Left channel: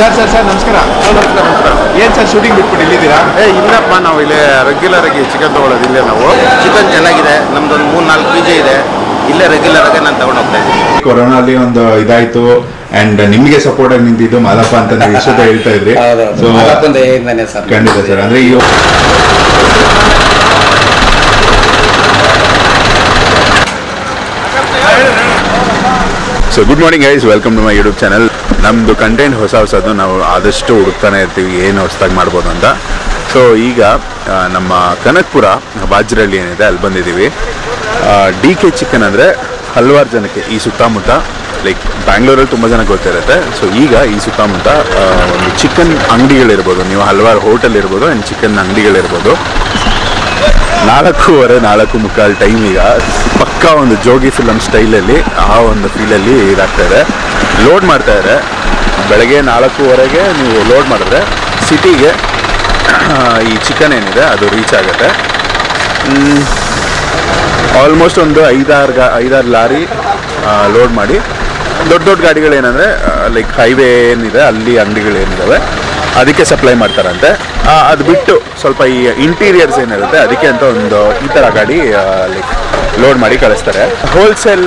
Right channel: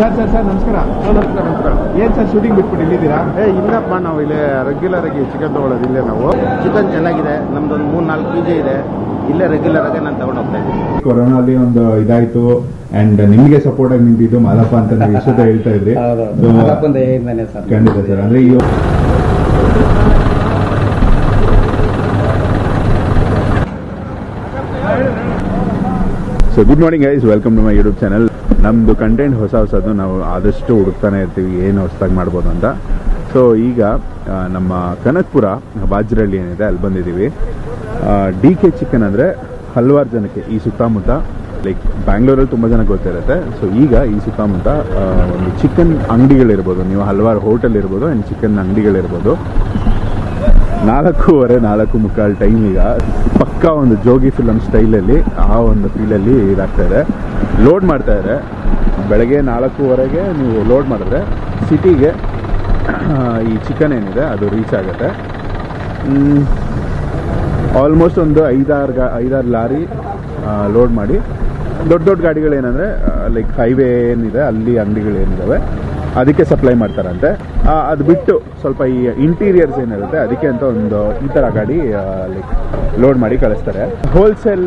Sir ನಮಸ್ಕಾರ. ನಮಸ್ಕಾರ. ಏನು ಸರ್ ಶೂಟಿಂಗ್ ಬಿಟ್ಬಿಟ್ಟು ಇಲ್ಲಿದ್ದೀರಾ? ಇಲ್ಲಪ್ಪ, ನಾವು ಇಲ್ಲಿ ರೆಗ್ಯುಲರ್ ಆಗಿ ಚಿಕನ್ ತೊಗೊಳ್ಳೋದು. ಇಲ್ಲೇ ನಾವು ಚಿಕನ್ ಚೆನ್ನಾಗಿದೆ, ನಮ್ದೊಂದು 3-4 PG ಇದೆ. ಇಲ್ಲೇ ರೆಗ್ಯುಲರ್ ಆಗಿ ನಾನು ತಗೊಂಡು ಹೋಗ್ತಾ ಇದ್ದೀನಿ. ಕೊರೋನಾಲಿ ಒಂದು ಇದಾಯ್ತು ಅಂಡ್ ನಿಮಗೆ ಸಪೋರ್ಟ್ ಆಗಿ ನಿಂತಿದ್ದು ಮಾದಪ್ಪ ಅಂತ ನೀವು ಇಷ್ಟೊತ್ತ ಹೇಳ್ತಾ ಇದ್ರಿ. ಖಂಡಿತ ಸರ್. ಅಂದ್ರೆ ಈ so good morning guys, welcome to my YouTube channel. ನಮ್ಮದು ಕಂಟೆಂಟ್ ಹೊಸದು ನಾವು ಆದಷ್ಟು ಹುಡುಕ್ತಾನೆ ಇರ್ತೀವಿ ಏನು ಹೊಸದಾಗಿ ಮಾಡ್ಬೋದು ಅಂತ. ಸೊ ಈಗ ನಮ್ಮ ಕನಕಪುರ ಬಾಜ್ರಳ್ಳಿ ಏನಿದೆ ಅಲ್ಲಿ ಬಂದಿದ್ದೀವಿ. DK ಚಿಕನ್ ಅಂದರೆ ಹಲವಾರು ಜನಕ್ಕೆ ಈ ಸುತ್ತಮುತ್ತ, ಲೈಕ್ ಬ್ಯಾಂಗ್ಳೂರಲ್ಲಿ ತುಂಬ ಜನಕ್ಕೆ ಗೊತ್ತಿರುತ್ತೆ. ಸೊ ಈಗ ಈ ಸುತ್ತಮುತ್ತ ಒಂದು ಚಿಕನ್ ಅಂಗಡಿಗಳಿರ್ಬೋದು, ನೀವು ಹಲವಾರು ಹೋಟೆಲ್ ಇರ್ಬೋದು ಆ್ಯಂಡ್ ಚಿಕನ್ ಅಂಗಡಿಗಳಿರ್ಬೋದು. 4:45 ಟೈಮ್. ಈಗ ಪಕ್ಕ ಒಂದು ಜೋಗಿ ಫಿಲಮ್ ಸ್ಟೈಲಲ್ಲಿ ಆ ಒಂದು ಫೀಲಲ್ಲಿ ಇದಾಗ್ತಾಯಿದೆ. ಲೋಡ್ ಮಾಡ್ತಾಯಿದ್ದಾರೆ. ಬೆಳಗ್ಗೆ 4:15ಗೆ ನೀವು ಲೋಡ್ ಮಾಡಿದ್ರೆ ಸಿಟಿಗೆ ಈ ಚಿಕನ್ ಏನಿದೆ ಅದು ರೀಚ್ ಆಗುತ್ತೆ. ಆಲ್ಮೋಸ್ಟ್ ಒಂದು 5-6 ಲಾರಿ ಲೋಡ್ ಮಾಡಿ ದೊಡ್ಡ ದೊಡ್ಡ ಗಾಡಿಗಳೇನೆಂದರೆ ಲೈಕ್ ಹೈವೇ ಏನಿದೆ ಅಲ್ಲಿ ಅಂಗಡಿಗಳೇನಿದ್ದಾವೆ ಅದಕ್ಕೆ ಸಪ್ಲೈ ಮಾಡ್ತಾರಂತೆ. ಅದು ಬಿಟ್ಟು ಸ್ವಲ್ಪ ಈ ಇಂಟೀರಿಯರ್ಸ್ ಏನಿರುತ್ತೆ ಅದಕ್ಕೆ ಅಂತ ಒಂದು ಈ ಥರ ಗಾಡಿ ಲೈಕ್ ಲೋಡ್ ಮಾಡಿ ಕಳಿಸ್ತಾರೆ. ಹೋಲ್ಸೇಲ್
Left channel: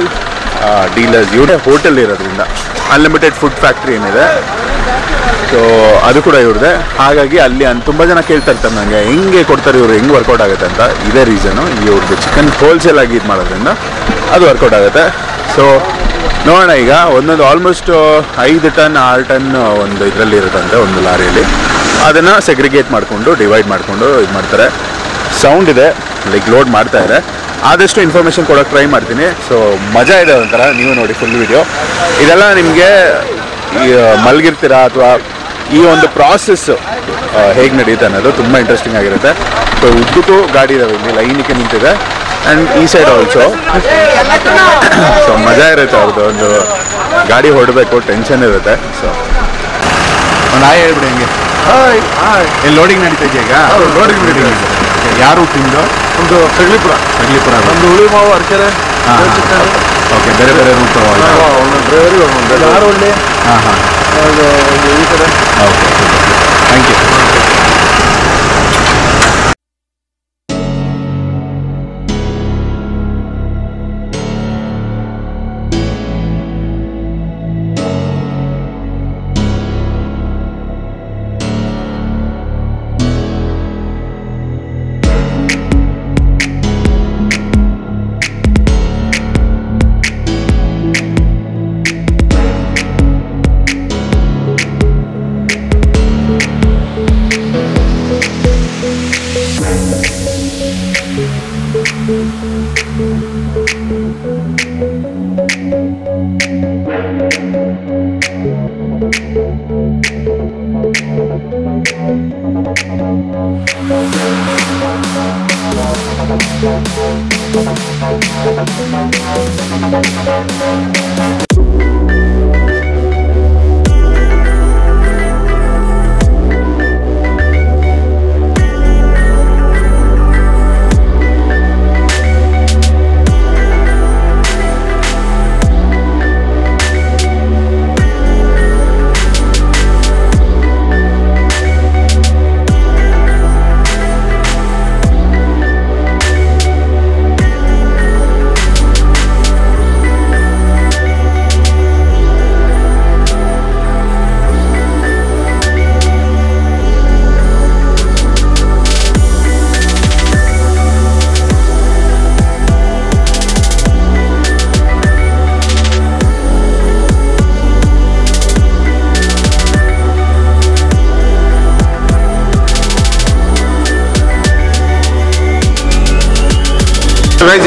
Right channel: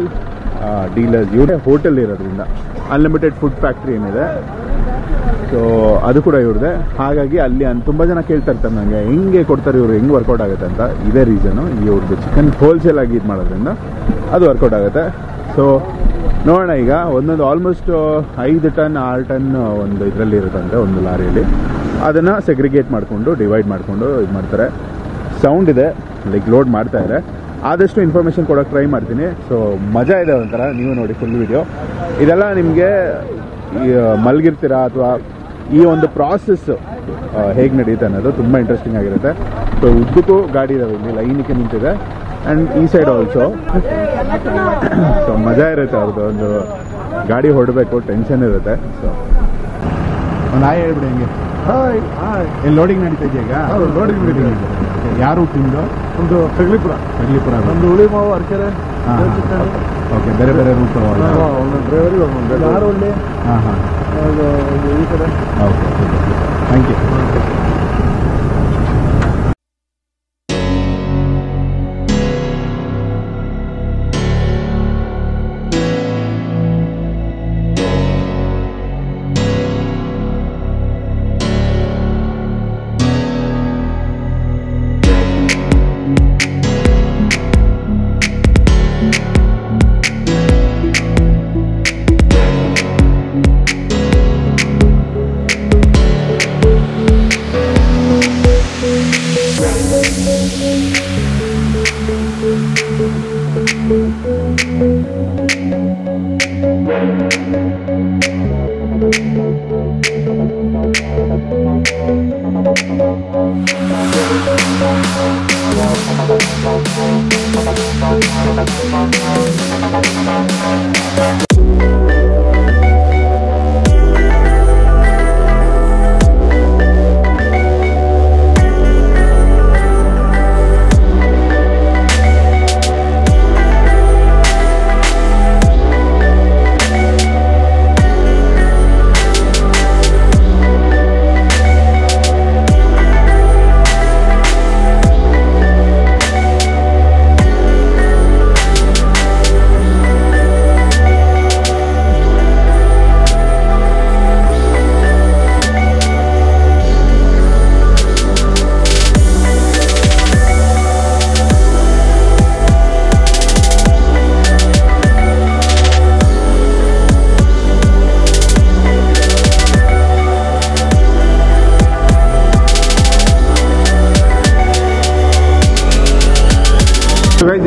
ಡೀಲರ್ಸ್ ಇವ್ರೇ ಹೋಟೆಲ್ ಇರೋದ್ರಿಂದ ಅನ್ಲಿಮಿಟೆಡ್ ಫುಡ್ ಫ್ಯಾಕ್ಟ್ರಿ ಏನಿದೆ ಸೊ ಅದು ಕೂಡ ಇವ್ರದ್ದೆ. ಹಾಗಾಗಿ ಅಲ್ಲಿ ತುಂಬ ಜನ ಕೇಳ್ತಾ ಇರ್ತಾರೆ ನನಗೆ ಹೆಂಗೆ ಕೊಡ್ತಾರೆ ಇವರು, ಹೆಂಗೆ ವರ್ಕೌಟ್ ಆಗುತ್ತೆ ಅಂತ. ಇದೇ ರೀಸನು, ಇವ್ರದ್ದು ಚಿಕನ್ ಹೋಲ್ಸೇಲ್ ಆಗಿ ಇದು ಮಾಡೋದ್ರಿಂದ ಅದು ವರ್ಕೌಟ್ ಆಗುತ್ತೆ. ಸೊ ನೋಡೋಣ, ಈಗ ಒಂದೊಂದು ಆಲ್ಮೋಸ್ಟ್ 5 ಟನ್ 6 ಟನ್ ಒಂದು ಇದರಲ್ಲಿ ಇರುತ್ತಂತೆ ಒಂದು ಲಾರಿಯಲ್ಲಿ. ಅದನ್ನು ಸೆಗ್ರಿಗೇಟ್ ಮಾಡಿಕೊಂಡು ಡಿವೈಡ್ ಮಾಡಿಕೊಂಡು ಇದು ಮಾಡ್ತಾರೆ. ಸೌಂಡ್ ಇದೆ, ಲೈಕ್ ಲೋಡ್ ಮಾಡ್ತಾಯಿದ್ದಾರೆ. ಆದಷ್ಟು ಇನ್ಫಾರ್ಮೇಷನ್ ಕೊಡೋಕ್ಕೆ ಟ್ರೈ ಮಾಡ್ತೀನಿ. ಸೊ ಮಜಾ ಇದೆ ಒಂಥರ, ನೀವು ನೋಡಿ ಫುಲ್ ವಿಡಿಯೋ. ಇದೆಲ್ಲ ನಿಮಗೆ ಮಲಗಿರ್ತೀರಾ ಅಥವಾ ಈ ಒಂದು ಪ್ರಾಸೆಸ್ಸು ಹೇಗೆ ನಡೆಯುತ್ತೆ ಅನ್ನೋದು ತುಂಬ ಇಂಟ್ರೆಸ್ಟಿಂಗ್ ಆಗಿರುತ್ತೆ. ಸೊ ಉದ್ದಕ್ಕೂ ಗಾಡಿ ಇದಾವೆ, ಇಲ್ಲಿ ಲೈನಿಗೆ ನಿಂತಿದೆ ಆ್ಯಂಡ್ ಈ ಸೈಡ್ ಆಲ್ಸೋ. ಸೊ ಮಜಾ ಇರುತ್ತೆ ಅವ್ರದ್ದು. ಒಂದು ಗಾಡಿ ಹೊಡಬೇಕು, ಟೆನ್ಷನ್ ಇರುತ್ತೆ. ಸೊ ಒಂದು ಹೇಳ್ಬಿಡಿ ಹಂಗೆ. ಎಲ್ಲಿ ಲೋಡಿಂಗ್ ನಡೀತಾ ಇದೆಯಾ ಈಗ? ಲೋಡಿಂಗ್ ನಡೀತಾ. ಯಾರು ತಿಂದು? ಒಂದು ಸಗಲಿಪುರ, ಒಂದು ಹುಳಿ ಮಾವು, ಅರಕೆರೆ. ಓಕೆ, ಬೇರೆ ಬೇರೆ ರೂಟ್ ಒಂದು ಡ್ರೈವರಿಗೆ ಒಂದು ನಾರೊಳ್ಳಿ. ಈ ಕಡೆ. Okay, thank you.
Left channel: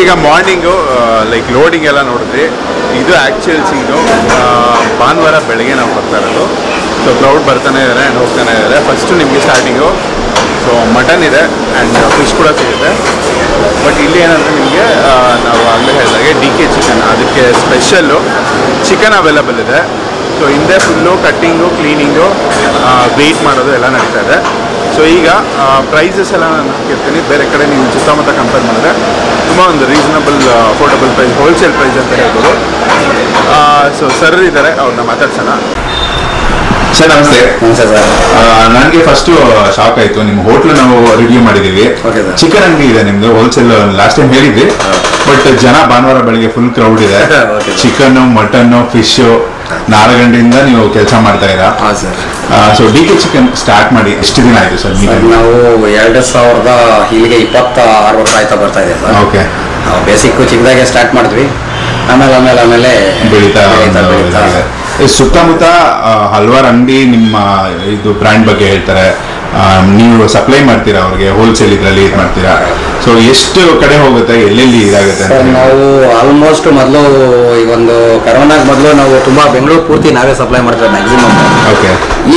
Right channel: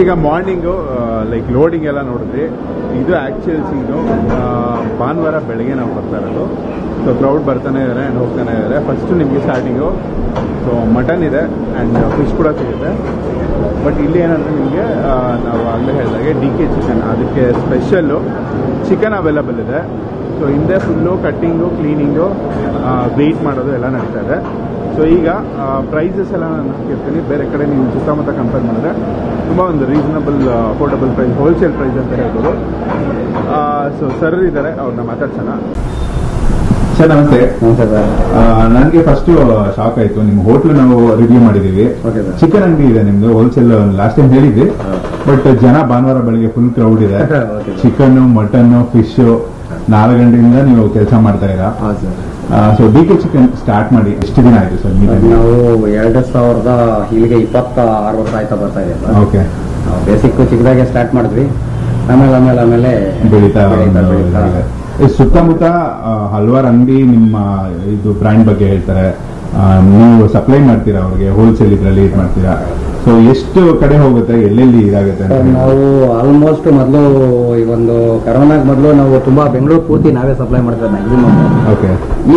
ಈಗ ಮಾರ್ನಿಂಗು ಲೈಕ್ ಲೋಡಿಂಗ್ ಎಲ್ಲ ನೋಡಿದ್ರಿ. ಇದು ಆ್ಯಕ್ಚುಯಲ್ ಸೀನು. ಭಾನುವಾರ ಬೆಳಗ್ಗೆ ನಾವು ಬರ್ತಾ ಇರೋದು. ಸೊ ಕ್ರೌಡ್ ಬರ್ತಾನೆ ಇದ್ದಾರೆ ಆ್ಯಂಡ್ ಹೋಗ್ತಾನೆ ಇದ್ದಾರೆ. ಫಸ್ಟು ನಿಮಗೆ ಸ್ಟಾರ್ಟಿಂಗು ಸೊ ಮಟನ್ ಇದೆ ಆ್ಯಂಡ್ ಫಿಶ್ ಕೂಡ ಸಿಗುತ್ತೆ. ಬಟ್ ಇಲ್ಲಿ ಏನಂದರೆ ನಿಮಗೆ ನಾವು ಆಗಲೇ ಹೇಳಿದಾಗೆ DK ಚಿಕನ್, ಅದಕ್ಕೆ ಸ್ಪೆಷಲ್ಲು ಚಿಕನ್ ಅವೈಲಬಲ್ ಇದೆ. ಸೊ ಹಿಂದೆ ಫುಲ್ಲು ಕಟ್ಟಿಂಗು, ಕ್ಲೀನಿಂಗು, ವೆಯ್ಟ್ ಮಾಡೋದು ಎಲ್ಲ ನಡೀತಾ ಇದೆ. ಸೊ ಈಗ ಪ್ರೈಸಸ್ ಎಲ್ಲ ನಾನು ಹಾಕಿರ್ತೀನಿ. ಬೇರೆ ಕಡೆ ನೀವು ಸುತ್ತಮುತ್ತ ಕಂಪೇರ್ ಮಾಡಿದ್ರೆ ತುಂಬ ಒಂದು reasonable affordable price, wholesale price ಅಂತ ಹೇಳ್ಬೋದು. ಸೊ ಸರ್ ಇದ್ದಾರೆ, ಅವ್ರನ್ನ ಮಾತಾಡ್ಸೋಣ. ಸರ್ ನಮಸ್ತೆ. ನಮಸ್ತೆ ಸರ್. ನನಗೆ ಫಸ್ಟ್ ಶಾಕ್ ಆಯ್ತು, ನಿಮ್ಮ ಹೋಟ್ಲು ನಾವು ರಿವ್ಯೂ ಮಾಡಿದೀವಿ. ಚಿಕನ್ ಅಂಗಡಿ ಇದೆ ನಿಮ್ದು, ಹೋಲ್ಸೇಲ್ ಲಾಸ್ಟ್ ಟೈಮ್ ಹೇಳಿದ್ವಿ. ಬಟ್ ಜನ ಭಾನುವಾರ ಬೆಳಿಗ್ಗೆ ಫುಲ್ ಕ್ರೌಡ್ ಇದೆ. ಚಿಕನ್, ಮಟನ್, ಫಿಶ್ 4 ಗಂಟೆಯಿಂದ ನೀವು ಕೆಲಸ ಮಾಡ್ತಾ ಇರಾ. ಸೊ DK ಚಿಕನ್ ಸ್ಟಾರ್ಟ್ ಮಾಡಿ ಎಷ್ಟು ದಿನ ಆಯ್ತು ಸರ್? ನಾವು 2000 ಇಲ್ಲಿಗೆ 26 ವರ್ಷ ಆಯ್ತಾ ಬರ್ತಾ ಇದೆ ಸರ್. ಓಕೆ. ನಾವು ಬೇಸಿಕ್ ಚಿಕ್ಕದಾಗೆ ಸ್ಟಾರ್ಟ್ ಮಾಡಿದ್ವಿ, ಆಮೇಲೆ ಬೆಳೀತಾ ಸುತ್ತಮುತ್ತ ಹಲವಾರು ಅಂಗಡಿ ನಿಮ್ಮ ಇದು ಬ್ರ್ಯಾಂಡ್ ಬಗ್ಗೆ ಹೇಳ್ತಾರೆ. ನೀವು ಸಪ್ಲೈ ಮಾಡ್ತೀರಾ ಅವ್ರಿಗೆ, ಹೋಲ್ಸೇಲ್ ಇದರಲ್ಲಿ ಇದು ಮಾಡ್ತೀರಾ. ಸೊ ಎಷ್ಟು ಕಡೆ ಹೋಗುತ್ತೆ, ಎಲ್ಲೆಲ್ಲಿ ಇದಾಗುತ್ತೆ ಅಂತ? ನಾವು ಆಲ್ಮೋಸ್ಟ್ ಮೊದಲು ಈ ಒಂದು ಕರೋನಾಗ ಮೊದಲು ನಾವು ತುಂಬಾ ಬೆಂಗಳೂರು ಪೂರ್ತಿ ನಾವೇ ಸಪ್ಲೈ ಮಾಡ್ತೀವಿ ಮ್ಯಾಕ್ಸಿಮಮ್. ಓಕೆ.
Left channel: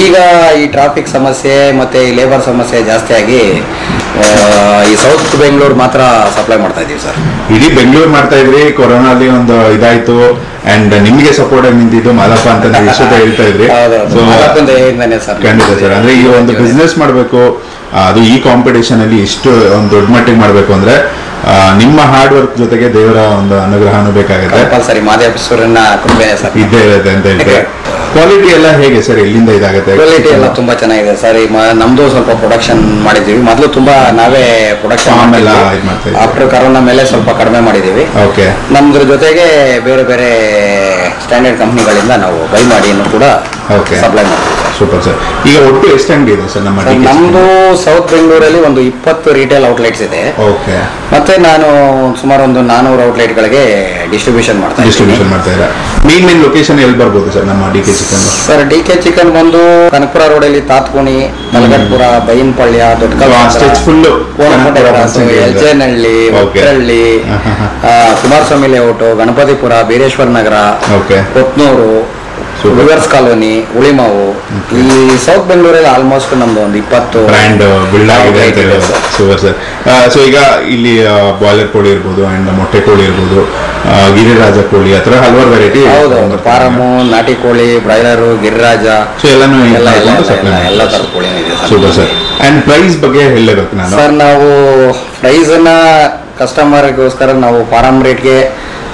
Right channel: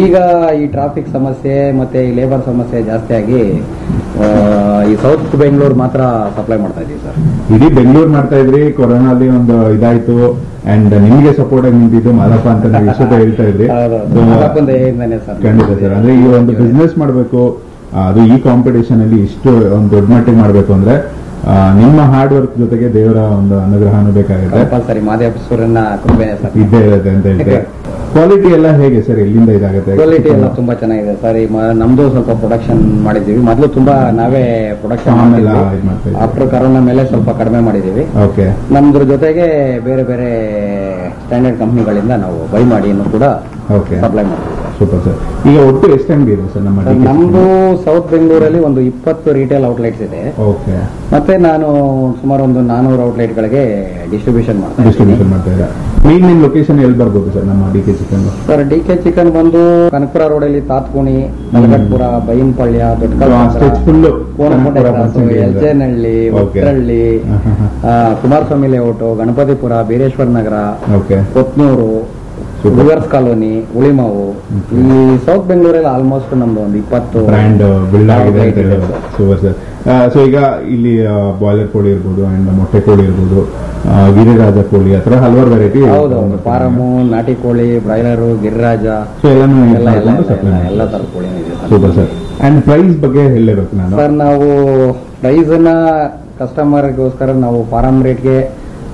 ಈಗ ಈ ಟ್ರಾಫಿಕ್ ಸಮಸ್ಯೆ ಮತ್ತೆ ಈ ಲೇಬರ್ ಸಮಸ್ಯೆ ಜಾಸ್ತಿ ಆಗಿ ಈ ಸೌತ್ ಬೆಂಗಳೂರು ಮಾತ್ರ ಸಪ್ಲೈ ಮಾಡ್ತಾ ಇದೀವಿ ಸರ್. ಇಡೀ ಬೆಂಗಳೂರು ಮಾಡ್ತಾ ಇದ್ರಿ, ಕೊರೋನಾಲಿ ಒಂದು ಇದಾಯ್ತು. ಅಂಡ್ ನಿಮ್ಗೆ ಸಪೋರ್ಟ್ ಆಗಿ ನಿಂತಿದ್ದು ಮಾದಪ್ಪ ಅಂತ ನೀವು ಇಷ್ಟೊತ್ತ ಹೇಳ್ತಾ ಇದ್ರಿ. ಖಂಡಿತ ಸರ್. ಅಂದ್ರೆ ಈ ಒಂದು ಬಿಸ್ನೆಸ್ ಮಾಡಬೇಕು, ಅದು ಈ ಕಾಂಪಿಟೇಷನ್ ಅಲ್ಲಿ ಇಷ್ಟು ಒಂದು ದೊಡ್ಡ ಮಟ್ಟಿಗೆ ಮಾಡಬೇಕು ಅಂದ್ರೆ ನಿಮ್ಮ ಹಾರ್ಡ್ ವರ್ಕ್ ಜೊತೆಗೆ ದೇವರ ಒಂದು ಅನುಗ್ರಹನೂ ಬೇಕಾಗುತ್ತೆ. ಸರಿ, ಮಾದೇಶ್ವರನ ಕೃಪೆ ಇದ್ದೇ ಇರುತ್ತೆ ಅಂತ ಹೇಳ್ತಾರೆ. ಕ್ವಾಲಿಟಿ ಎಲ್ಲ ಹೇಗೆ ಸರ್, ಎಲ್ಲಿಂದ ಇದಾಗುತ್ತೆ? ಕ್ವಾಲಿಟಿ ಎಲ್ಲ ತುಂಬಾ ಚೆನ್ನಾಗಿದೆ ಸರ್. ನಮ್ದು ಸ್ವಲ್ಪ ಪ್ರೊಡಕ್ಷನ್ ಮಾಡಿದೀವಿ, ಮೊದಲು ತುಂಬಾ ನಾವೇ ಪ್ರೊಡಕ್ಷನ್ ಆಫ್ಟರ್ ಕರೋನಾ ಮೇಲೆ ಸ್ವಲ್ಪ ಕಡಿಮೆ ಮಾಡಿದೀವಿ. ಓಕೆ. ನಮ್ದ್ರ ಜೊತೆಗೆ ಬೇರೆ ಬೇರೆ ಸ್ಟ್ಯಾಂಡರ್ಡ್ ಕಂಪ್ನಿಗಳಿಂದ ನಾವು ಬೈ ಮಾಡಿ ಕೂಡ ಸಪ್ಲೈ ಮಾಡ್ತೀವಿ. Super sir. ಈಗ ಒಟ್ಟು ಎಷ್ಟು ಅಂಗಡಿ ಇದೆ ಸರ್ ನಮ್ಮ? ನಮ್ದು ಸೌತ್ ಬೆಂಗಳೂರಲ್ಲಿ ಒಂದು 20 ರಿಟೇಲ್ ಔಟ್ಲೆಟ್ಸ್ ಇದೆ. ಓಕೆ. ಮತ್ತೆ ನಾನು ಸುಮಾರು ಒಂದು 400 ಔಟ್ಲೆಟ್ಗಳಿಗೆ ಡಿಸ್ಟ್ರಿಬ್ಯೂಷನ್ ಮಾಡ್ತಾ ಇದ್ದೀರಾ. ಮೇನ್ ಲೊಕೇಶನ್ ಎಲ್ಲಿ ಬರ್ಬೋದು ಸರ್ ನಮ್ಮ DK chicken? Sir DK chicken ಬಂದು ಕನಕಪುರ ರೋಡಲ್ಲಿ ತಾತ್ಕೋಣಿ, ತಲಗಟ್ಪುರ, ಬೈನ್ಪಳ್ಯ, ಎಲ್ಜೇನಹಳ್ಳಿ, ಒಕ್ಕರಳ್ಳಿ, ಕುಮಾರಸ್ವಾಮಿ ಲೇಔಟ್, ಗಣಪತಿಪುರ, ಬೀರೇಶ್ವರ ನಗರ, ಕೊತ್ನೂರು, ರಿವರ್ಸ್ ಕಾಲೋನಿ, ಉಳಿಮಾವು. ಈ ಸೌತ್ ಬೆಂಗಳೂರಲ್ಲಿ ಆಲ್ಮೋಸ್ಟ್ ನಮ್ದು ಒಂದು 20 ಬ್ರ್ಯಾಂಡ್ ಬಿಲ್ಡ್ ಆಗಿದೆ ಅಂತ ಹೇಳೋದು. Super sir. ಸೊ ಈಗ ಇಲ್ಲಿ ಬಾಯ್ಲರ್ ಕೋಳಿ ಇರ್ಬೋದು, ಅಂಡ್ ಮೊಟ್ಟೆ ಕೋಳಿ ಇರ್ಬೋದು, ಗಿರಿರಾಜ ಕೋಳಿ, ಆ ಥರ ಹಲವಾರು ವೆರೈಟಿ. ಹೌದು, ಫಾರಮು, ನಾಟಿ ಕೋಳಿ, ಬ್ರಾಯ್ಲರು, ಗಿರಿರಾಜ, ಸೊ ಎಲ್ಲಾನು ಎಲ್ಲ ಥರದ ಕೋಳಿ ಇದೆ. Super sir. ಅಂಡ್ ಪ್ರೈಸ್ ಬಗ್ಗೆ ಹೇಳಬೇಕು ನಾನು ಸರ್. ನಾವು ಪ್ರೈಸನ್ನ ಕಸ್ಟಮರ್ಗೋಸ್ಕರ ನಾವು ಫಾರಂ ರೇಟ್ಗೆ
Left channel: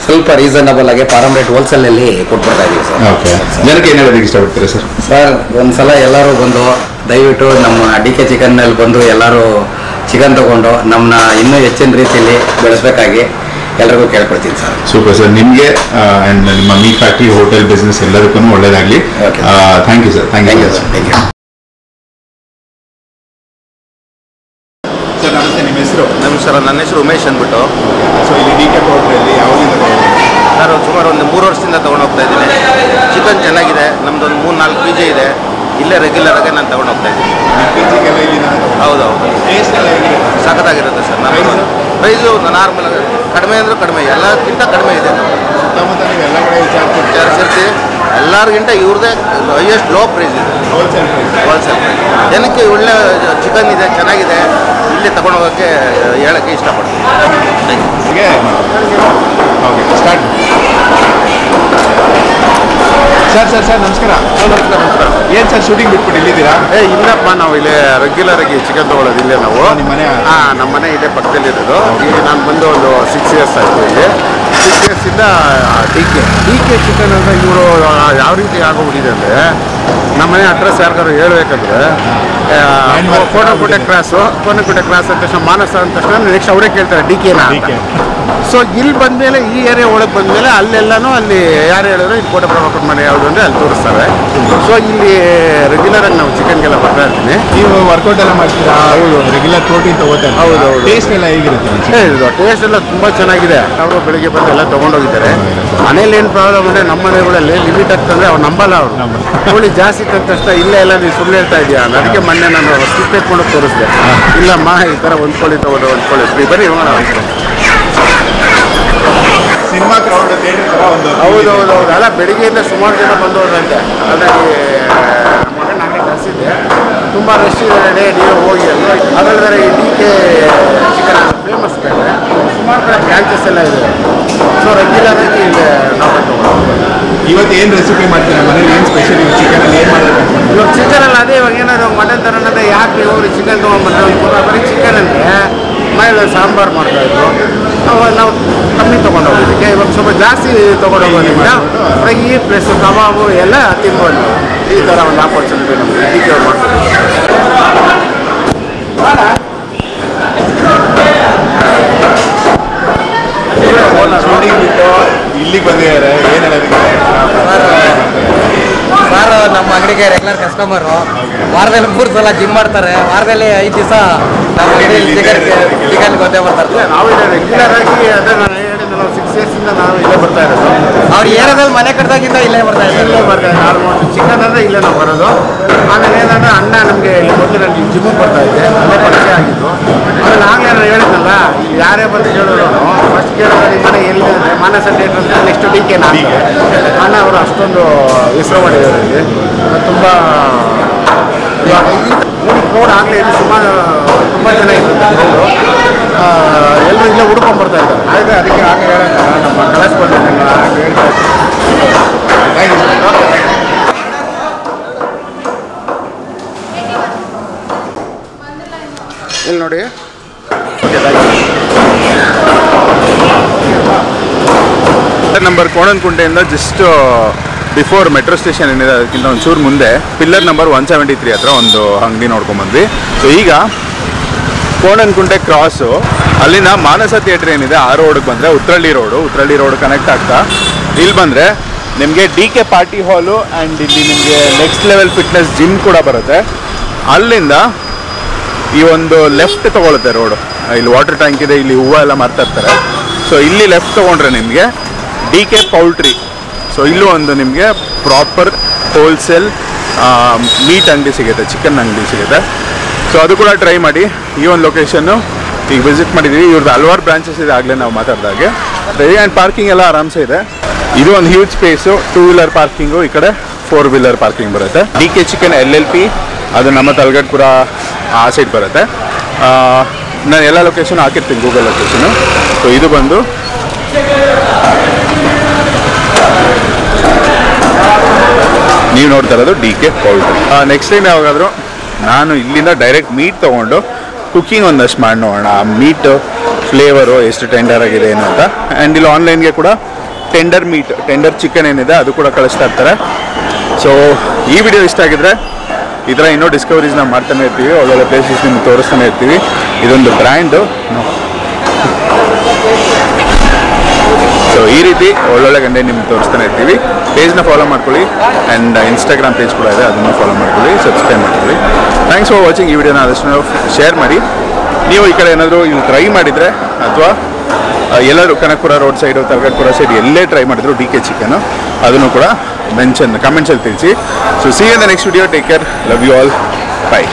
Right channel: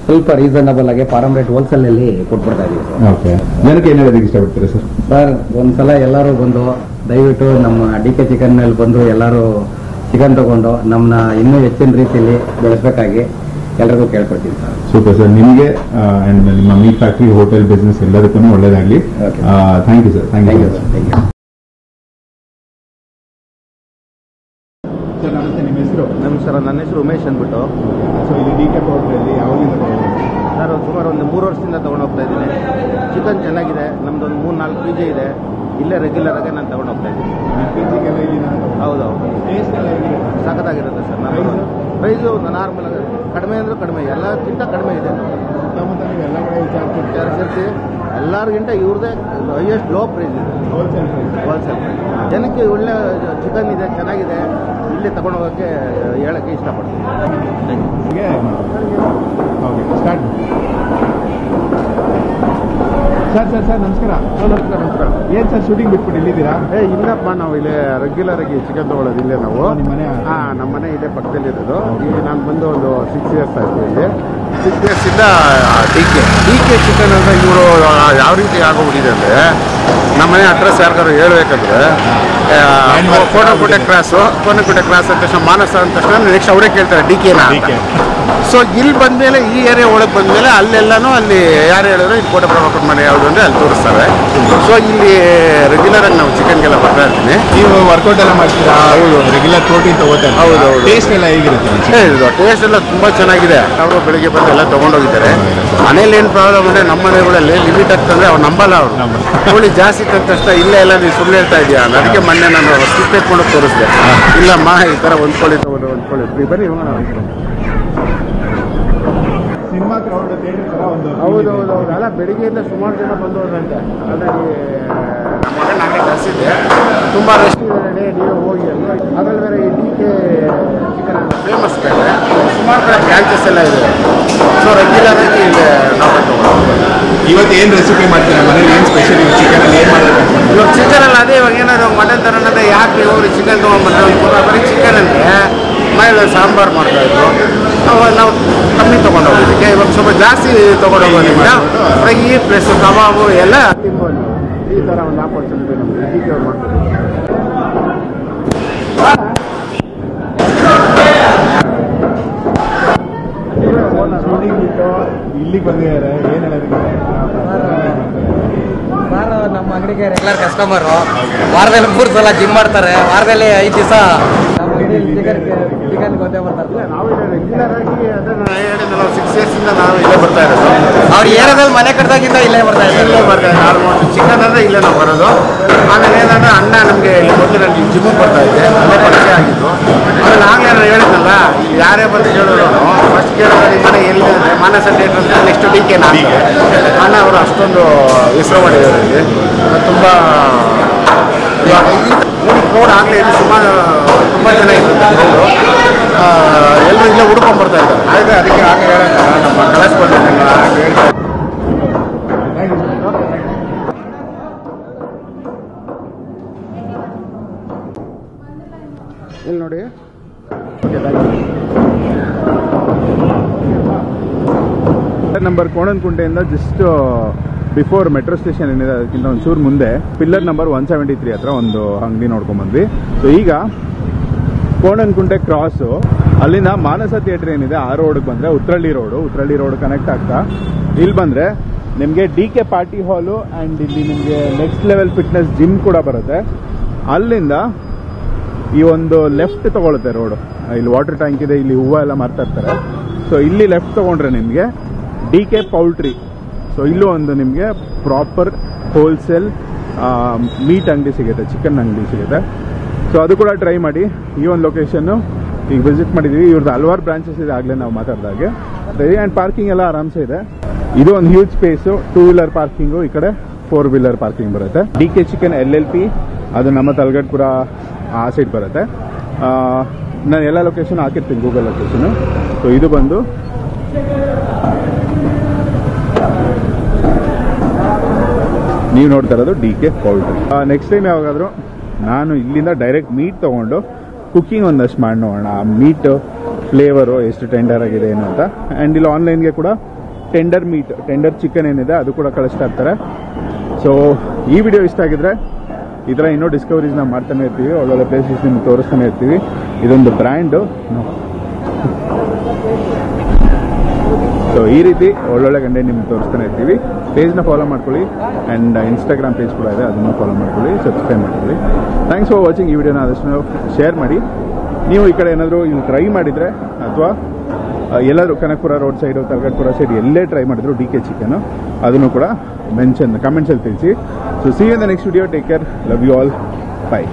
ಸ್ವಲ್ಪ ರೀಸನಬಲ್ ಆಗಿ ಫಾರಂ ರೇಟ್ ಹೋಲ್ಸೇಲ್ ಅಲ್ಲಿ ಕೊಟ್ಬಿಡ್ತಾ ಇದೀವಿ ಸರ್. ಓಕೆ. ಜನಕ್ಕೆ ಏನು ಹೇಳೋದಕ್ಕೆ ಇಷ್ಟಪಡ್ತೀರಾ ಸರ್? ಸರ್, ಒಂದ್ಸಲ ಎಲ್ಲರೂ ಬಂದು ದಯವಿಟ್ಟು ನಮ್ಮ DK ಚಿಕನ್ ನಲ್ಲಿ ಬಂದು ಎಲ್ಲರೂ ಚಿಕನ್ ತಗೊಂಡು ನಮ್ಮನ್ನ ಇನ್ನೂ ಹೆಚ್ಚಿನ ರೀತಿಯಲ್ಲಿ ಬೆಳೆಸಬೇಕಾಗಿ ಎಲ್ಲರಿಗೂ ಕೇಳ್ಕೊಳ್ತೀನಿ ಸರ್. Super sir. ನಿಮಗೆ ಅಂಡ್ ನಿಮ್ಮ ಮೀಟ್ ಫ್ಯಾಕ್ಟ್ರಿ, ಹೋಟೆಲ್ ಬಿಸ್ನೆಸ್ ಎಲ್ಲದಕ್ಕೂ ಒಳ್ಳೇದಾಗಲಿ. Thank you sir. Thank you sir. Thank you sir. ನಮಸ್ತೆ, ನಿಮ್ಮ ಹೆಸರು? ನಮಸ್ಕಾರ, ನನ್ನ ಹೆಸರು ಉಮೇಶ್ ಅಂದ್ಬಿಟ್ಟು. ಸೊ ಇಲ್ಲಿ DK ಹೋಟ್ಲಲ್ಲಿ ಯಾವಾಗಿಂದ ನಾನು ಸುಮಾರು ಒಂದು 3 ವರ್ಷದಿಂದ ತೊಗೊಂಡು ಹೋಗ್ತಾ ಇದ್ದೀನಿ. ಚಿಕನ್ ಚೆನ್ನಾಗಿದೆ, ನಮ್ಮದೊಂದು 3-4 PG ಇದೆ. ಇಲ್ಲೇ ರೆಗ್ಯುಲರ್ ಆಗಿ ನಾನು ತೊಗೊಂಡು ಹೋಗ್ತಾ ಇದ್ದೀನಿ. ಹೌದು, ಸಖತ್ತಾಗಿರುತ್ತೆ ಸರ್. ನಾನು ಪ್ರೈಸು ನಾರ್ಮಲ್ ಕಡಿಮೆ ಅಂದರೆ ಕಡಿಮೆ, ಎಲ್ಲಕ್ಕಿಂತ ಕಡಿಮೆ ಇದೆ. ಸುತ್ತಮುತ್ತ ನೀವು ಎಲ್ಲ ಕಡೆ ವಿಚಾರಿಸಿರ್ತೀವಿ, ಎಲ್ಲರಿಗಿಂತ ಇವ್ರದ್ದೇ ಹೈಯೆಸ್ಟ್ ಲೋ ಪ್ರೈಸ್ ಇದೆ, ಹೋಲ್ಸೇಲ್ ಪ್ರೈಸ್. ಜನಕ್ಕೆ ಒಳ್ಳೆ ಚಿಕನ್ ಇದೆ, ಚೆನ್ನಾಗಿದೆ, ಇಲ್ಲೇ ತಗೊಂಡು ಹೋಗೋಕ್ಕೆ ಹೇಳೋಕ್ಕೆ ಇಷ್ಟಪಡ್ತೀನಿ. Start sir. ನಮಸ್ಕಾರ. ನಮಸ್ಕಾರ. ಏನು ಸರ್ ಶೂಟಿಂಗ್ ಬಿಟ್ಬಿಟ್ಟು ಇಲ್ಲಿದ್ದೀರಾ? ಇಲ್ಲಪ್ಪ, ನಾವು ಇಲ್ಲೇ ರೆಗ್ಯುಲರ್ ಆಗಿ ಚಿಕನ್ ತೊಗೊಳ್ಳೋದು ಇಲ್ಲೇ ನಾವು. ನಿಮ್ಮ ಮನೆ? ನಮ್ಮ ಮನೆ ಇಲ್ಲೇ ಪಕ್ಕದಲ್ಲಿ ಇರೋದು. ಇಲ್ಲಿ ನಾನು ಬಂದು ಒಂದು 6 ಇಯರ್ಸ್ ಆಯಿತು. ಇಲ್ಲಿ 6 ಇಯರ್ಸಿಂದ DK ಚಿಕನ್ ಅಂದರೆ ಇವರು ಯಾವ ರೀತಿ ಆಗೋಗ್ಬಿಟ್ಟಿದೆ ಅಂದರೆ, ನಮ್ಮ ಮನೆ ಅಡ್ರೆಸ್ ಯಾರಿಗಾರು ಹೇಳ್ಬೇಕಂದ್ರೆ ಕೋಟೆ ಕ್ರಾಸ್ ಅಂದ ತಕ್ಷಣ, ಮಾನಸ ಅಂದ ತಕ್ಷಣ ನೆಕ್ಸ್ಟ್ ಅವರೇ ಕೇಳ್ತಾರೆ DKನಾ ಅಂತ. ಸೊ ಇಲ್ಲಿ ಬಂದಮೇಲೆ, ಈ ಏರಿಯಾ ಒಳಗೆ ಬಂದಮೇಲೆ ಅಲ್ಲೆಲ್ಲನೂ ಅಲ್ಲಿ ಯಾರು ಹೇಳಿದ್ರು ಇಲ್ಲಿ ಕೋಟೆ ಪ್ರಭಾಕರ್ ಮನೆ ಯಾವುದು ಅಂದರೆ ಅಲ್ಲಿ ತೋರಿಸ್ತಾರೆ. ಸೊ ಇಲ್ಲಿ ರೆಗ್ಯುಲರ್ ಆಗಿ ನಾವು ಚಿಕನ್ಗೆಲ್ಲ ಬರ್ತಾ ಇರ್ತೀನಿ. ನೀವು ವರ್ಕೌಟ್ ಎಲ್ಲ ಮಾಡ್ತೀರಾ? ಹೌದು, ರೆಗ್ಯುಲರ್ ಪ್ರೋಟೀನ್ ತಗೋತಾರೆ. ಹೌದು. ಟೇಸ್ಟ್ ಎಲ್ಲ ಹೇಗಿರುತ್ತೆ? ಟೇಸ್ಟ್ ಎಲ್ಲ ತುಂಬ ಚೆನ್ನಾಗಿದೆ. ಅವರು ಬೆಳಿಗ್ಗೆ ಬಂದು ಎಲ್ಲ ತೊಗೊಂಡೋಗಿದ್ದಾರೆ. ಮನೇಲಿ ಏನು ಪ್ರಾಬ್ಲಮ್ ಅಂದರೆ, ನಮ್ಮ ಮನೆಗಳಲ್ಲಿ ಲಿಮಿಟ್ ಆಗ್ತಂದ್ರೆ ಅವ್ರು ನಂಬಲ್ಲ. ಅವರು ಕೋಳಿ ಜಾಸ್ತಿ ತಂದ ತಕ್ಷಣ ಇಲ್ಲೇ ಎಲ್ಲ ನೀವು ಸುಳ್ಳು ಹೇಳ್ತಾ ಇದೆಯಾ, ಅದಕ್ಕೆ ಮೊನ್ನೆ ನಾನು ಸ್ಲಿಪ್ ಎತ್ಕೊಂಡು ತೋರಿಸಿದೆ. ಇಲ್ಲಮ್ಮ, ಈ ಥರ ಒಂದು ಕೋಳಿ ತೊಗೊಂಡು ಒಂದು ಕೋಳಿ ಫ್ರೀ, ಬರೀ ಸಿನಿಮಾ ಕ್ರೌಡ್ ಥಿಯೇಟರ್ ಥರ ಒಂದು. ಹೌದು. ಅಲ್ಲ, ಬೆಳಿಗ್ಗೆಯಿಂದ ಸುಮಾರು ಜನ ಬಂದು ಹೋದಂತೆ. ಹಾಗಾಗಿ ನಮ್ಮ ಮಗನ ನಾನೇ ಕಳಿಸಿದ್ದೆ. ತುಂಬ ರಶ್ ಇದೆ, ನೀವು ಹೋಗಿ ಅಂತ. ಅದಲ್ಲದೆ ಈ DK ಚಿಕನ್ ಫೇಮಸ್ ಬೇರೆ, ಸುಮಾರು ಕಡೆ ಬ್ರಾಂಚಸ್ ಎಲ್ಲ ಇದೆ. ಸೊ ರೆಗ್ಯುಲರ್ ಆಗಿ ಇಲ್ಲಿ ನಾವು ತಗೊಂಡು. ಇವತ್ತು ಏನು ರೆಸಿಪಿ ಮಾಡ್ತೀರಾ ಮನೇಲಿ? ಏನು ಸ್ಪೆಷಲ್ ಚಿಕನಲ್ಲಿ ಏನು ಮಾಡೋದು? ಇವಾಗ ಚಿಕನಲ್ಲಿ ಅದೇ, ಇವಾಗ ಏನಾದ್ರು ಮಟನ್ ತರೋಣಂದ್ರೆ ಯಾಕೆ ಹೋಗಿ ಚಿಕನ್ ತೊಗೊಂಡ್ಬಂದ್ರೆ ಬರೀ ಚಿಕನ್ ಅಂದರೆ ಮನೇಲಿ ಸಾಂಬಾರು ಮಾಡ್ತಾಯಿದ್ರು. ನಾವು ಕಮ್ಮಿ ತೊಗೊಂಡೋಗೋದಕ್ಕೆ ಇವಾಗ ಸ್ವಲ್ಪ ಜಾಸ್ತಿ ತೊಗೊಂಡೋಗೋದ್ರಿಂದ ಫ್ರೈ ಪ್ಲಸ್ ಕಬಾಬು ಎಲ್ಲ ತಿನ್ಬೋದು. ಈ ಥರ ಒಂದು ಆಪರ್ಚುನಿಟಿ ನಮಗೆ ಡಿ ಕೆ ಅವ್ರು ಮಾಡ್ಕೊಡ್ತಾರೆ. ಇಲ್ಲಿಗೆ ಬಂದಿದ್ದಾರೆ ಏನು ಹೇಳೋದಕ್ಕೆ ಸರ್ ನಮ್ಮ ಅಂಗಡಿಗೆ ರೆಗ್ಯುಲರ್ ಕಸ್ಟಮರು. ವಾರದಲ್ಲಿ 3 ಸಲ ಜಿಮ್ ಮಾಡ್ತಾರೆ. ವಾರದಲ್ಲಿ 5 ದಿವಸ ನಮ್ಮ ಅಂಗಡಿಯಲ್ಲಿ ಚಿಕನ್ ಗೊತ್ತೇ ಬರ್ತಾರೆ. ನಾವು ಇಲ್ಲಿ ರೆಗ್ಯುಲರ್ ಆಗಿ ಅದೇ ನಾನು ಹೇಳಿದ್ನಲ್ಲ 6 ಇಯರ್ಸಿಂದ ನಾವು ಇಲ್ಲೇ ಬರ್ತಾ ಇರೋದು. ಅವ್ರು ಏರಿಯಾದಲ್ಲಿ ಮನೆ ಕಟ್ಟಿದಾಗಿಂದ ಇಲ್ಲೇ ಬರ್ತಾ ಇದ್ದಾರೆ. ಆಲ್ಮೋಸ್ಟ್ ಚಿಕನ್ ಅಂದರೆ ಇಲ್ಲೇ ನಾವು ಬರೋದು. ಆಮೇಲೆ ಏನಂದ್ರೆ ಅಣ್ಣ ನಮಗೆ ಇಲ್ಲಿ ಮೊದಲು ನಾನು ಜಿಮ್ಮಿಗೆ ಬರ್ತಾ ಇದ್ದೆ, ಅಲ್ಲೇ ಪರಿಚಯ ಆಗಿದ್ದು. ಆಮೇಲೆ ಆಗಲೇ ನಾನು ಹೇಳಿದ್ನಲ್ಲ, ಇಲ್ಲಿ ಯಾರೇ ಬಂದು ಕೇಳೋರು ಫಸ್ಟ್ ಕೇಳೋದು ನಿಮ್ಮ ಮನೆ ಎಲ್ಲಿ ಅಂದರೆ ಮಾನಸ ಥಿಯೇಟರ್ ಅಂತ, ನೆಕ್ಸ್ಟ್ ಡಿ ಕೆ ನಾನು ಅಣ್ಣ ಅವರು ಅಷ್ಟೊಂದು ಹೆಸರು ಮಾಡಿದ್ದಾರೆ ಇಲ್ಲಿ. ತುಂಬ ಕ್ರೌಡ್ ಆಗಲೇ ಇಲ್ಲಿ ತುಂಬ ಜನ ಇರುತ್ತೆ ಕ್ರೌಡು. ಎಲ್ಲರೂ ಇಲ್ಲೇ ಹುಡ್ಕೊಂಡು ಬರ್ತಾ ಇದ್ದಾರೆ. ಆಯ್ತು, ಅದಕ್ಕೆ ಹಾಗೆ ಹೇಳೋಣ ನಮ್ಮ ಕಲಾಸ್ ಬಂದಿದ್ದಲ್ಲ ಹಾಗೆ ಹೇಳ್ತಾ ಇದ್ದೀನಿ. ಇಲ್ಲಿ ನೋಡಿ ನಂಬರ್ ಕೋಣನಕುಂಟೆಯಿಂದ ಜಸ್ಟ್ ಬಿಫೋರ್ ಮೆಟ್ರೋ ಸ್ಟೇಷನ್ ಏನಿದೆ ಅದಕ್ಕಿಂತ ಒಂಚೂರು ಮುಂದೆ ಪಿಲ್ಲರ್ ನಂಬರ್ 173 ಹತ್ರ ಒಂದು ಅಂಗಡಿ ನೋಡ್ಕೊಂಡ್ಬಂದ್ವಿ. ಸೊ ಈಗ ಕೋಣನಕುಂಟೆ ಕ್ರಾಸು ಅಲ್ಲಿನ ಮಾನಸ ಥಿಯೇಟ್ರ್ ಏನಿದೆ ಆ ರೋಡ್ಗೆ ಬಂದರೆ ಉತ್ರಳ್ಳಿ ರೋಡ್ ಕನೆಕ್ಟ್ ಆಗ್ತಾ ಇಲ್ಲಿ ಬಂದರೆ ನಿಮಗೆ ಡಿ ಕೆ ಪಾರ್ಟಿ ಹಾಲು ಆ್ಯಂಡ್ ಇಲ್ಲಿ ನಿಮಗೆ ನೆಕ್ಸ್ಟ್ ಲೆವೆಲ್ ಫಿಟ್ನೆಸ್ ಜಿಮ್ ಕೂಡ ಬರುತ್ತೆ. ಅಲ್ಲಿಂದ ಈ ಒಂದು ಲೆಫ್ಟ್ ತೊಗೊಳುತ್ತೆ ರೋಡು. ಇಲ್ಲಿ ವಾಟರ್ ಟ್ಯಾಂಕ್ ಇದೆ, ಇಲ್ಲಿ ಹೂವು ಎಲ್ಲ ಮಾರ್ತಾ ಇರ್ತಾರೆ. ಸೊ ಇಲ್ಲಿ ಲೆಫ್ಟ್ ತೊಗೊಂಡ್ರೆ ನಿಮಗೆ ಡಿ ಕೆ ಪೌಲ್ಟ್ರಿ. ಸೊ ಇಲ್ಲೂ ಒಂದು ನಿಮಗೆ ಪ್ರಾಪರ್ ಹೋಲ್ಸೇಲ್ ಮೀಟ್ ಅಂಗಡಿ ಸಿಗುತ್ತೆ, ಚಿಕನ್ ಅಂಗಡಿ ಸಿಗುತ್ತೆ. ಸೊ ಅದು ಕೂಡ ಟ್ರೈ ಮಾಡಿ. ಈ ಒಂದು ಲೊಕೇಶನ್ನು ಈಗ ವಿಸಿಟ್ ಮಾಡಿದ್ದೀವಿ. ಇವ್ರದ್ದು ಹಲವಾರು ಬ್ರಾಂಚಸ್ ಇದೆ, ಆಗಲೇ ನಾವು ಮಾತಾಡಿದಾಗೆ. ಆ್ಯಂಡ್ ಪಾರ್ಕಿಂಗ್ ಎಲ್ಲ ಆರಾಮ್ಸೆ ಇದೆ. ಇದು ಒಂದು ಹ್ಯೂಜ್ ಸ್ಪೇಸು, 2 ವೀಲರ್ ಪಾರ್ಕಿಂಗು, ಈ ಕಡೆ 4 ವೀಲರ್ ಪಾರ್ಕಿಂಗ್ ಬರುತ್ತೆ. ಡಿ ಕೆ ಚಿಕನ್ LLP ಅದು ನಮ್ಮ ತಲಗಡ್ಪುರ ಆ ಸೈಡ್ ಬರುತ್ತೆ. ನಾನು ಎಲ್ಲ ಲೊಕೇಶನ್ ಹಾಕಿರ್ತೀನಿ, ಗೂಗಲ್ ಲೊಕೇಶನು. ಸೊ ಇದು ಬಂದು ನೀವು ನೋಡ್ತಾ ಇರೋದು D K poultry. Next time ಯಾವಾಗಾದರೂ ನಾನು ಇಲ್ಲಿಂದ ಡೈರೆಕ್ಟ್ ಮೀಟ್ ತೊಗೊಂಡು ಕುಕ್ಕಿಂಗ್ ಒಂದಷ್ಟು ಮಾಡಿ ನೋಡೋಣ. ಆ ಮೀಟ್ ಫ್ಲೇವರು ಎಷ್ಟು ಟೆಂಡರ್ ಆಗಿದೆ ಏನು ಅಂತ. ಆ್ಯಂಡ್ ಇಲ್ಲಿ ಆನ್ಲೈನ್ಗೆ ಕೂಡ ಟೆಂಡರ್ ಚಿಕನ್ ಏನಿದೆ ಅದು ಕೂಡ ಕಳಿಸ್ತಾ ಇರ್ತಾರೆ. ಸೊ ಈ ವಿಡಿಯೋ ಇಷ್ಟ ಆಗಿದ್ರೆ ಈ ಥರ ಇನ್ನೂ ಡಿಸ್ಕವರೀಸ್ ನಾವು ಮಾಡ್ತಾನೆ ಇರ್ತೀವಿ, ಒಳ್ಳೊಳ್ಳೆ ಪ್ಲೇಸಸ್ ನಿಮ್ಗೆ ತೋರಿಸ್ತಾನೆ ಇರ್ತೀವಿ. ಇದೊಂದು ಬ್ರ್ಯಾಂಡು. ಸೊ ಈ ರೀತಿ ಒಳ್ಳೊಳ್ಳೆ ಗಂಟೆ ನಿಮ್ಗೆ ತೋರಿಸ್ತಾನೆ ಇರ್ತೀವಿ. ಪೇಜ್ನ ಫಾಲೋ ಮಾಡ್ಕೊಳ್ಳಿ ಆ್ಯಂಡ್ ಇನ್ಸ್ಟಾಗ್ರಾಮ್ ಪೇಜ್ ಕೂಡ ಇದೆ, ಅದನ್ನು ಫಾಲೋ ಮಾಡ್ಕೊಳ್ಳಿ, ಸಬ್ಸ್ಕ್ರೈಬ್ ಮಾಡ್ಕೊಳ್ಳಿ. Thanks for watching. ಈ ವಿಡಿಯೋನ ಆದಷ್ಟು ಶೇರ್ ಮಾಡಿ. ನೀವು ಈ ಕಡೆ ಏನಾದರೂ ಇಲ್ಲಿ ಟ್ರೈ ಮಾಡಿದರೆ ಅಥವಾ ಎಲ್ಲರೂ Kanakapura road side Talagadpura side ಎಲ್ಲೇ ಟ್ರೈ ಮಾಡಿದ್ರು ಡಿ ಕೆ ಚಿಕನ್ನು, ಅದನ್ನು ಕೂಡ ಕಮೆಂಟ್ಸಲ್ಲಿ ತಿಳಿಸಿ. So see in the next video. Take care. Love you all. By.